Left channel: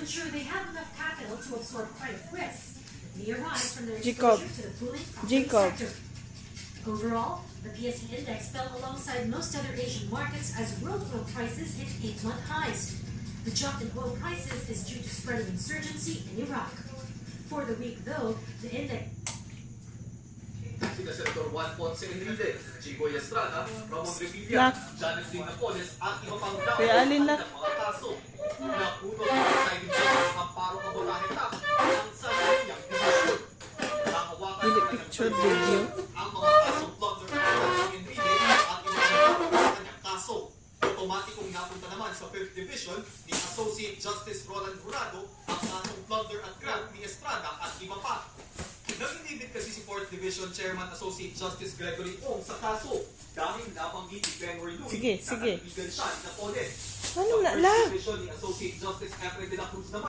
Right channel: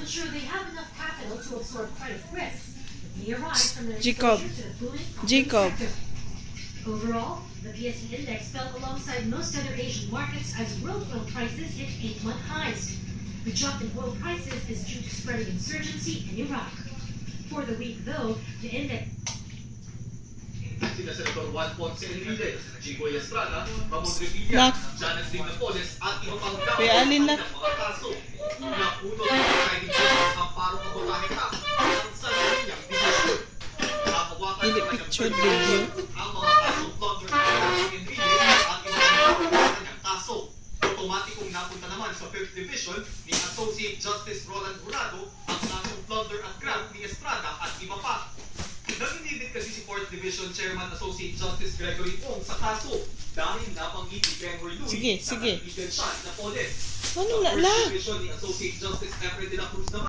to ensure they have enough capital to absorb credit risks that may arise from their Jacob. exposure to the booming Jacob. sector. Overall, the PSE index fell alongside most other Asian markets as world oil prices hit 8-month highs. The drop in oil prices is due to spreading insurgency in Iraq. For the week, though, the index Sina Senator Juan Ponce Enrile, Chico Estrada, Ramon Revilla, Nak. Janet Lee Napoles at iba pang Kuya Alin lang. ng mga kaso. Napunod ng Presiding Justice ang parong kabotahe ka ang sarili niyang desisyon. Nakawakan Dili naman ng picture, Presiding video. ang mga kasong plunder at Enrile at iba pang kanyang kaso. Otomatikong napunta naman sa 5th Division ni Associate Justice Roland Jurado ang kasong plunder at graft ni Estrada at iba pa. Nagindibit kasi si 4th Division Chairman Associate Justice Gregory Ong sa kaso dahil nabanggit ni Gregory Louis Sige, na sige. kaibigan siya na Napoles. Ano Sa na 1st la? Division ni Associate Justice Efren de